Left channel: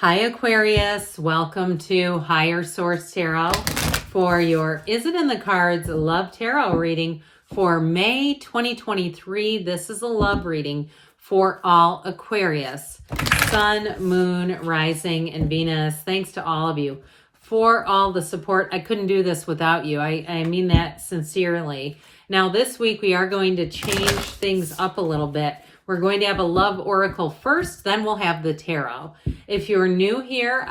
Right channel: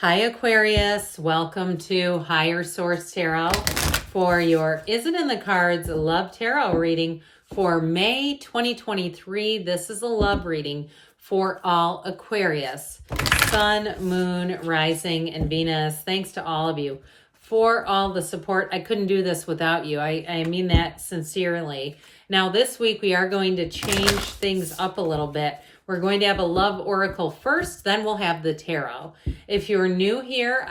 Hi Aquarius, welcome to Higher Source Tarot for your Is It in the Cards Love Tarot reading for May 2023. This is a love reading for all Aquarius, Sun, Moon, Rising, and Venus. Thanks to all of you for all the support. I couldn't do this without you. I mean that sincerely. Now this week we are going to change things up a little bit. We're going to have a love oracle first, then we'll have the tarot. If you're new here,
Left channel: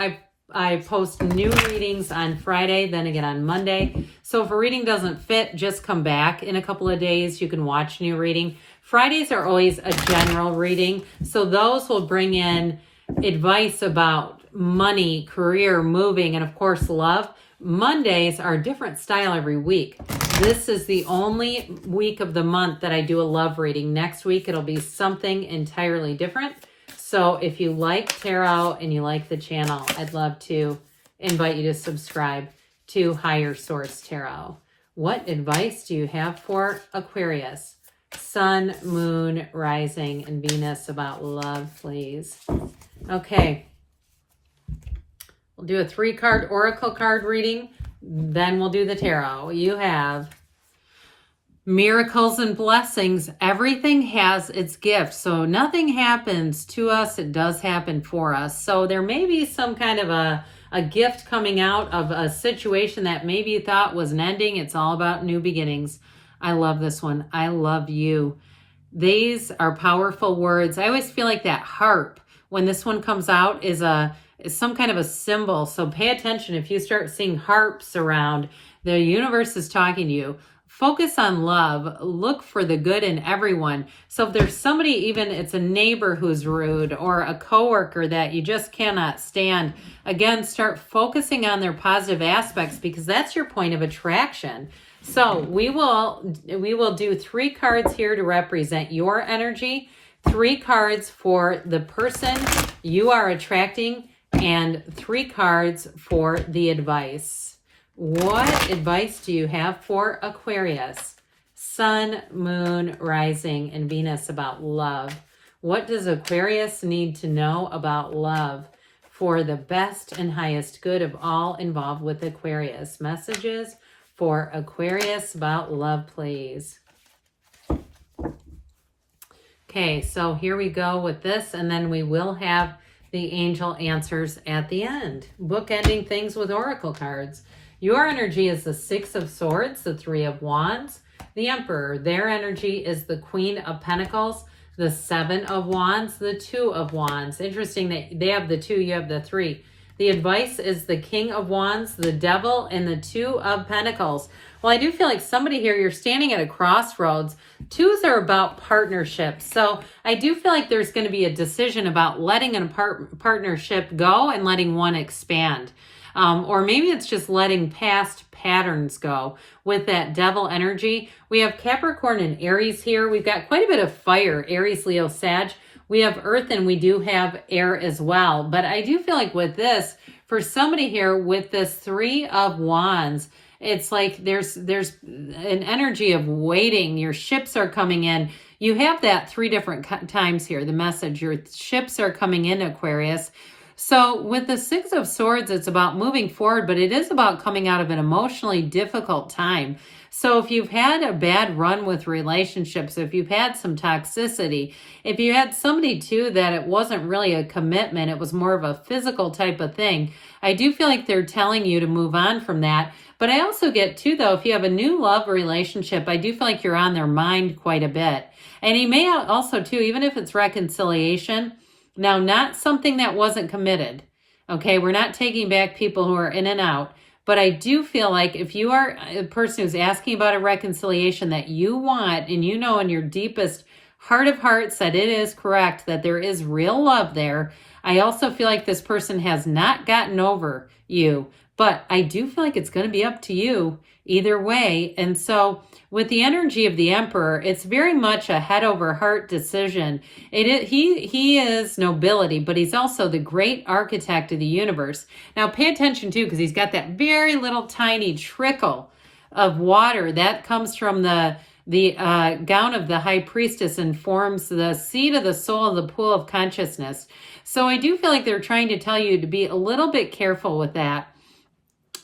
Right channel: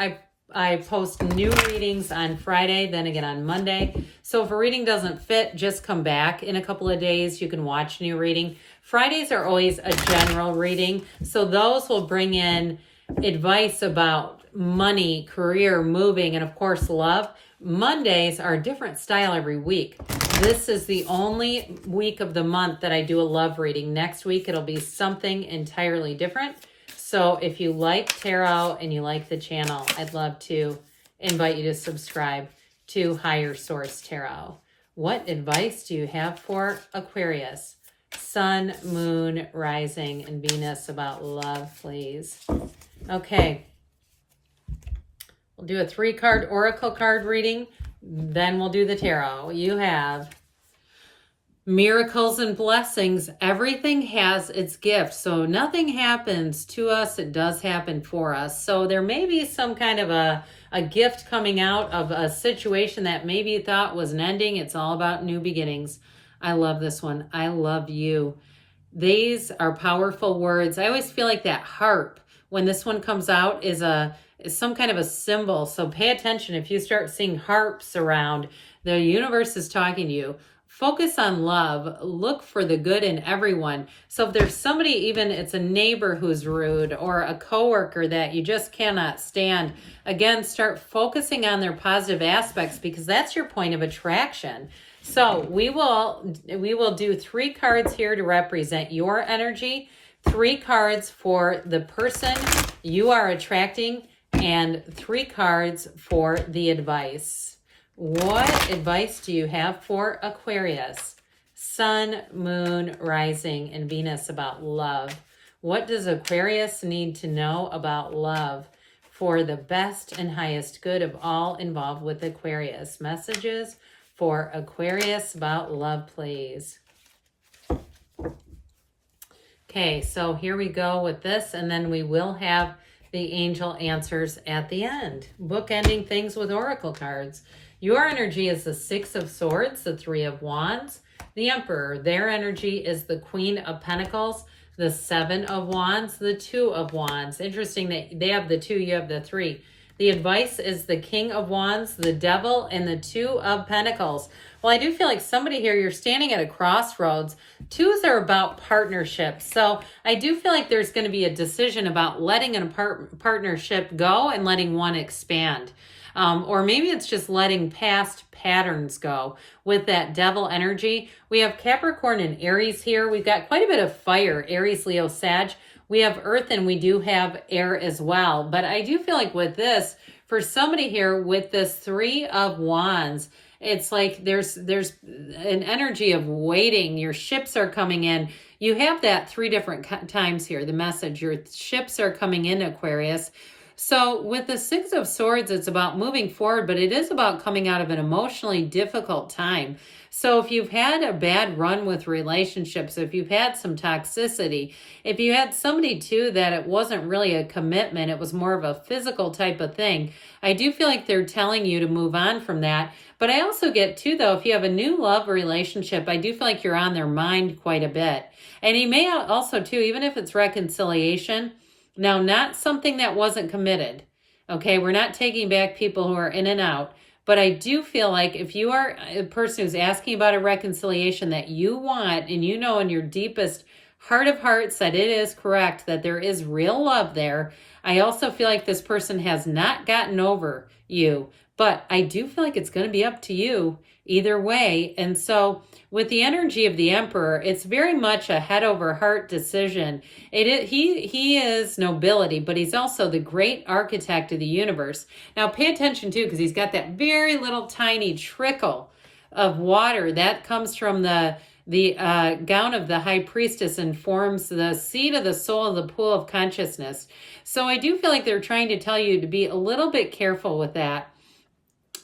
I post new readings on Friday, then again on Monday. So if a reading doesn't fit, just come back in a couple of days. You can watch new reading. Fridays are always a general reading, so those will bring in advice about money, career, moving, and of course love. Mondays are a different style every week. This is the only week of the month that I do a love reading. Next week, it'll be something entirely different. So if you like tarot and you like the channel, I'd love to invite you to subscribe to Higher Source Tarot. What advice do you have for Aquarius? Sun, Moon, Rising, and Venus about love, please. Okay. We'll do a 3-card oracle card reading. Then we'll do the tarot. You have miracles and blessings. Everything has its gift. So nothing happens to us. It does happen for us. So there may be some kind of a gift coming out of a situation that maybe you thought was an ending. It's all about new beginnings. I love this one. I love you. These are powerful words. I always feel like that harp, when this one comes out, is some kind of a symbol. So pay attention. If you start seeing harps around, the universe is talking to you. Focus on love. Look for the good in everyone. So if there's somebody, even it's a neighbor who's rude or a coworker that you just cannot stand, again, start focusing on their positive aspects because that's your point of attraction. So we will do 3 cards here to represent your energy, 3 cards for the person you are attracting, and 3 cards for the advice. What advice do you have for Aquarius? Sun, Moon, Rising, and Venus about love. What does Aquarius need to know about love for the best and highest good of all involved with Aquarius? Messages for Aquarius about love, please. Okay, so here we go with this, and then we will have the angel answers at the end. Bookending things with oracle cards. Your energy is the 6 of Swords, the 3 of Wands, the Emperor. Their energy is the Queen of Pentacles, the 7 of Wands, the 2 of Wands. Interesting that they have the 2, you have the 3. The advice is the King of Wands, the Devil, and the 2 of Pentacles. Well, I do feel like somebody here, you're standing at a crossroads. 2s are about partnerships. So I do feel like there's going to be a decision about letting a partnership go and letting one expand. Or maybe it's just letting past patterns go with that Devil energy. We have Capricorn and Aries here. We've got quite a bit of fire, Aries, Leo, Sag. We have earth and we do have air as well. But I do feel like with this, for somebody here with this 3 of Wands, it's like there's an energy of waiting. Your ships are coming in. You have that 3 different times here, the message. Your ships are coming in, Aquarius. So with the 6 of Swords, it's about moving forward, but it is about coming out of an emotionally difficult time. So if you've had a bad run with relationships, if you've had some toxicity, if you had somebody too that it wasn't really a commitment, it was more of a physical type of thing, I do feel like they're telling you to move on from that. But I also get too, though, if you have a new love relationship, I do feel like you're on their mind quite a bit. And you may also too, even if it's reconciliation, now not something that wasn't committed. Okay, we're not taking back people who are in and out. But I do feel like if you are a person who's asking about a reconciliation that you want, and you know in your deepest heart of hearts that it is correct, that there is real love there, I also feel like this person has not gotten over you. But I do feel like it's going to be up to you either way. And so with the energy of the Emperor, it's very much a head over heart decision. He is nobility, but he's also the great architect of the universe. Now pay attention too, because he's got that very little tiny trickle of water that comes from the The gown of the high priestess informs the seat of the soul of the pool of consciousness. So I do feel like they're trying to tell you to be a little bit careful with that.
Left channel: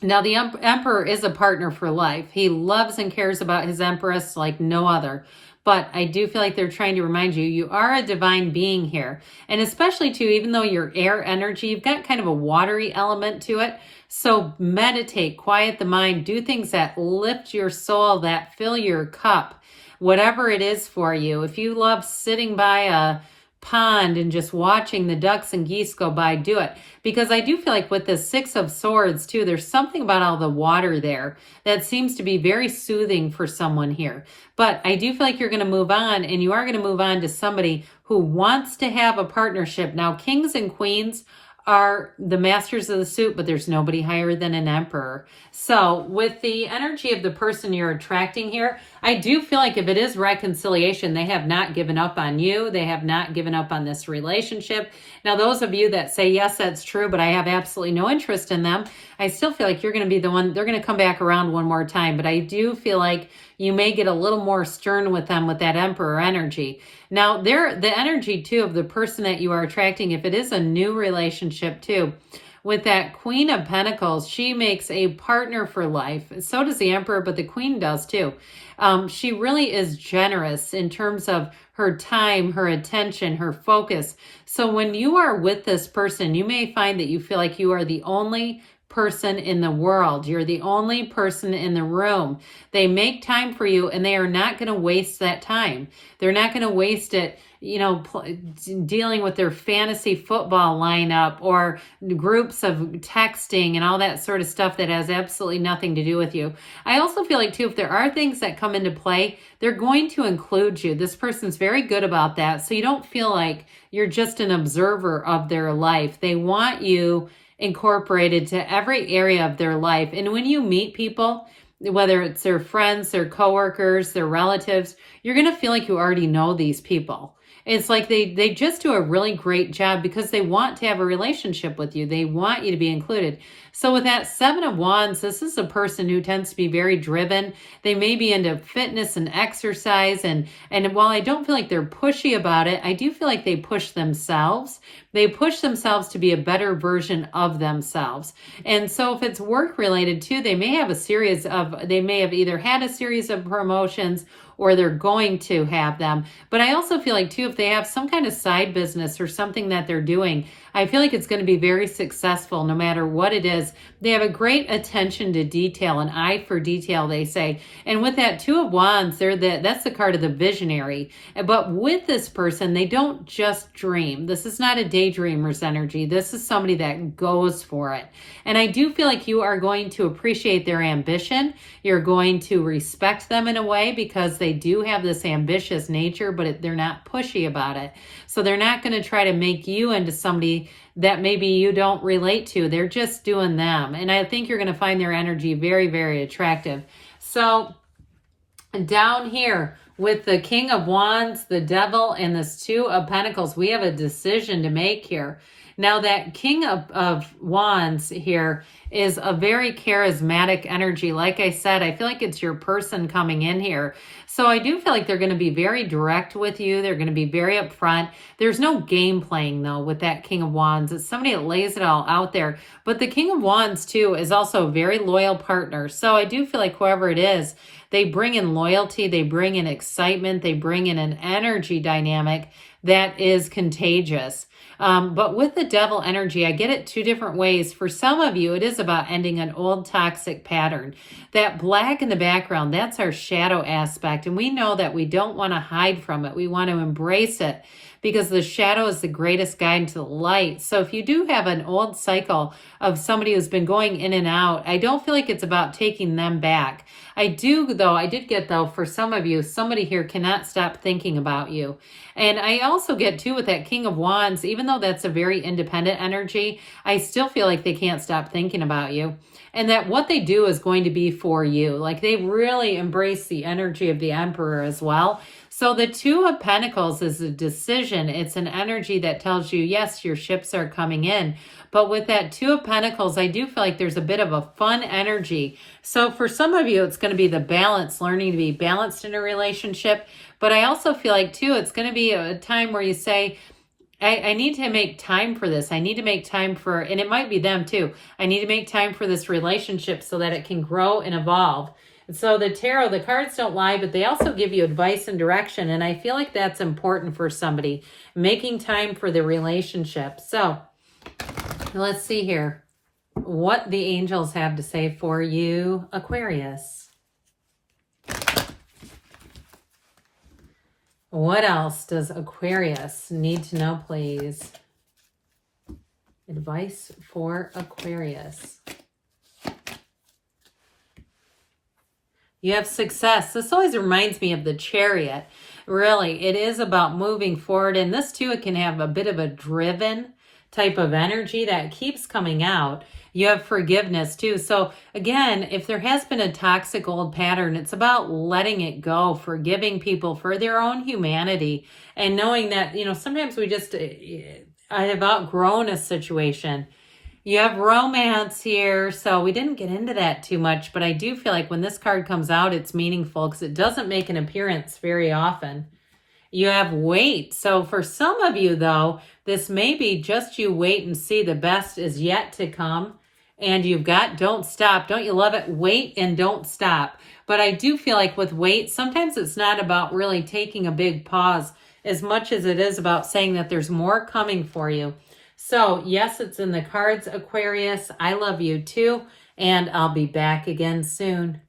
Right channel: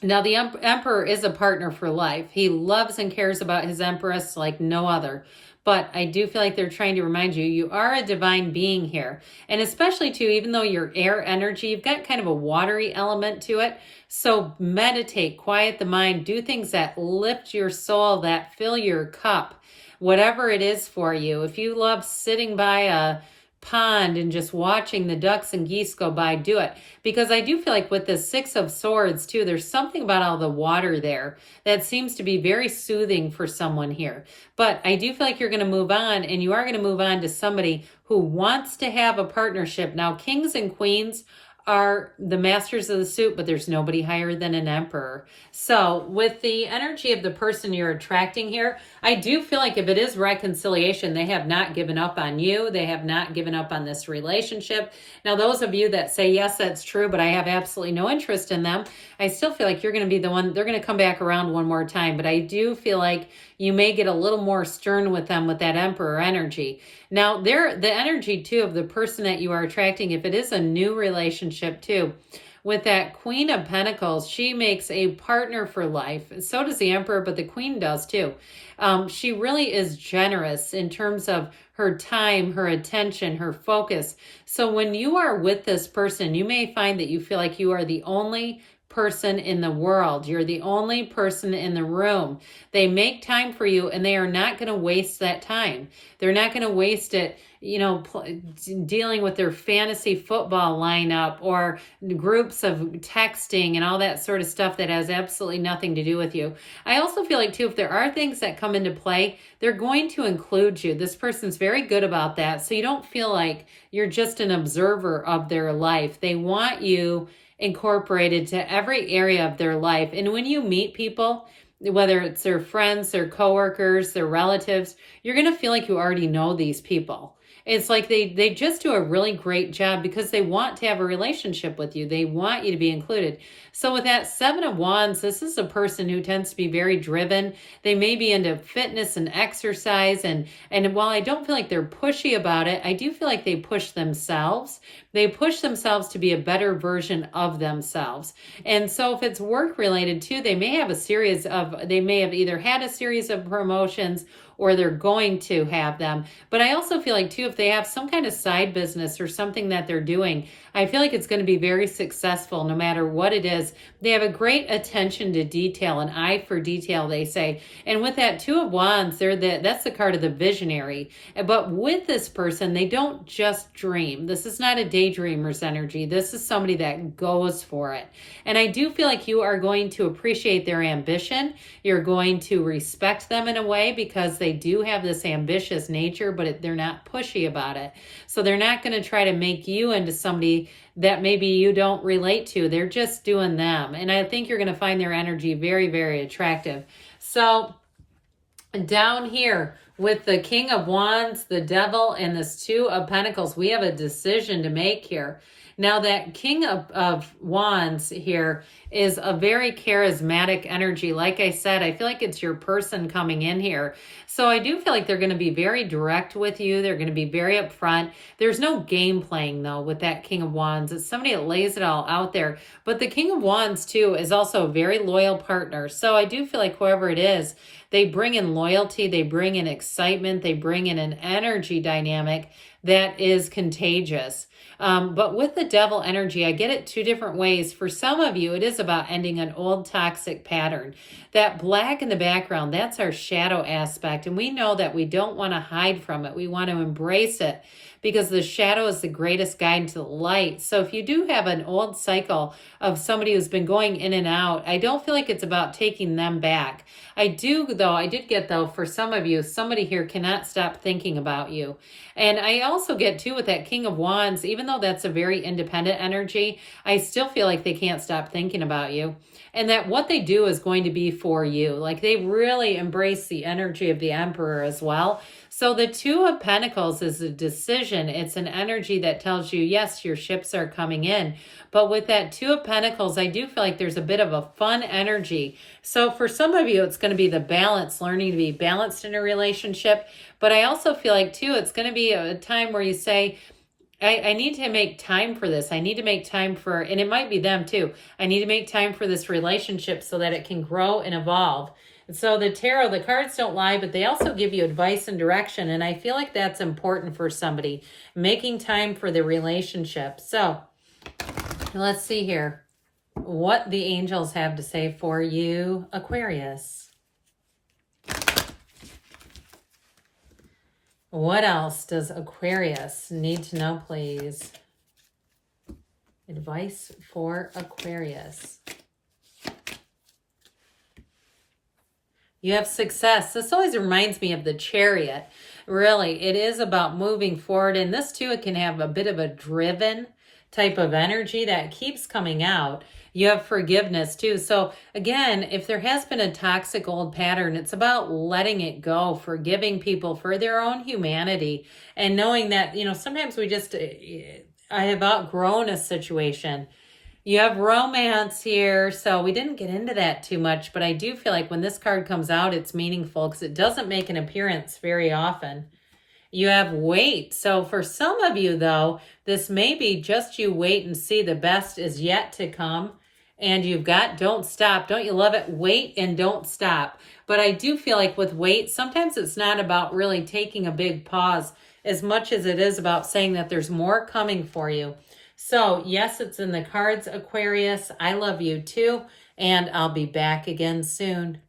Now, the emperor is a partner for life. He loves and cares about his empress like no other. But I do feel like they're trying to remind you, you are a divine being here. And especially too, even though you're air energy, you've got kind of a watery element to it. So meditate, quiet the mind, do things that lift your soul, that fill your cup, whatever it is for you. If you love sitting by a pond and just watching the ducks and geese go by, do it. Because I do feel like with the Six of Swords too, there's something about all the water there that seems to be very soothing for someone here. But I do feel like you're going to move on, and you are going to move on to somebody who wants to have a partnership. Now, kings and queens are the masters of the suit, but there's nobody higher than an emperor. So with the energy of the person you're attracting here, I do feel like if it is reconciliation, they have not given up on you. They have not given up on this relationship. Now, those of you that say, yes, that's true, but I have absolutely no interest in them, I still feel like you're going to be the one, they're going to come back around one more time. But I do feel like you may get a little more stern with them with that emperor energy. Now, the energy too of the person that you are attracting, if it is a new relationship too, with that Queen of Pentacles, she makes a partner for life. So does the Emperor, but the Queen does too. She really is generous in terms of her time, her attention, her focus. So when you are with this person, you may find that you feel like you are the only person in the world. You're the only person in the room. They make time for you, and they are not going to waste that time. They're not going to waste it, you know, dealing with their fantasy football lineup or groups of texting and all that sort of stuff that has absolutely nothing to do with you. I also feel like too, if there are things that come into play, they're going to include you. This person's very good about that. So you don't feel like you're just an observer of their life. They want you incorporated to every area of their life. And when you meet people, whether it's their friends, their coworkers, their relatives, you're going to feel like you already know these people. It's like they just do a really great job because they want to have a relationship with you. They want you to be included. So with that Seven of Wands, this is a person who tends to be very driven. They may be into fitness and exercise. And while I don't feel like they're pushy about it, I do feel like they push themselves. They push themselves to be a better version of themselves. And so if it's work related too, they may have either had a series of promotions or they're going to have them. But I also feel like too, if they have some kind of side business or something that they're doing, I feel like it's going to be very successful no matter what it is. They have a great attention to detail, an eye for detail, they say. And with that Two of Wands, that's the card of the visionary. But with this person, they don't just dream. This is not a daydreamer's energy. This is somebody that goes for it. And I do feel like you are going to appreciate their ambition. You're going to respect them in a way because they do have this ambitious nature, but they're not pushy about it. So they're not going to try to make you into somebody that maybe you don't relate to. They're just doing them. And I think you're going to find their energy very, very attractive. So down here with the King of Wands, the Devil, and this Two of Pentacles, we have a decision to make here. Now that King of Wands here is a very charismatic energy. Like I said, I feel like it's your person coming in here. So I do feel like they're going to be very direct with you. They're going to be very upfront. There's no game playing though with that King of Wands. It's somebody that lays it all out there. But the King of Wands too is also a very loyal partner. So I do feel like whoever it is, they bring in loyalty, they bring in excitement, they bring in an energy dynamic that is contagious. But with the Devil energy, I get it two different ways. For some of you, it is about ending an old toxic pattern. That black in the background, that's our shadow aspect. And we know that we don't want to hide from it. We want to embrace it because the shadow is the greatest guide to the light. So if you do have an old cycle of somebody who's been going in and out, I don't feel like it's about taking them back. I did get though, for some of you, somebody here cannot stop thinking about you. And I also get too with that King of Wands, even though that's a very independent energy, I still feel like they can't stop thinking about you. And that what they do is going to be for you. Like they really embrace the energy of the Emperor as well. So the Two of Pentacles is a decision. It's an energy that tells you, yes, your ships are coming in. But with that Two of Pentacles, I do feel like there's a bit of a fun energy. So for some of you, it's going to be the balance, learning to be balanced in a relationship. But I also feel like, too, it's going to be a time where you say, I need to make time for this. I need to make time for, and it might be them too. I need to make time for this relationship so that it can grow and evolve. And so the tarot, the cards don't lie, but they also give you advice and direction. And I feel like that's important for somebody, making time for the relationship. So let's see here what the angels have to say for you, Aquarius. What else does Aquarius need to know, please? Advice for Aquarius. You have success. This always reminds me of the Chariot. Really, it is about moving forward. And this too, it can have a bit of a driven type of energy that keeps coming out. You have forgiveness too. So again, if there has been a toxic old pattern, it's about letting it go, forgiving people for their own humanity, and knowing that, sometimes I have outgrown a situation. You have romance here, so we didn't get into that too much, but I do feel like when this card comes out, it's meaningful because it doesn't make an appearance very often. You have wait. So for some of you, though, this may be just you wait and see. The best is yet to come. And you've got don't stop. Don't you love it? Wait and don't stop. But I do feel like with wait, sometimes it's not about really taking a big pause as much as it is about saying that there's more coming for you. So yes, it's in the cards, Aquarius. I love you too. And I'll be back again soon.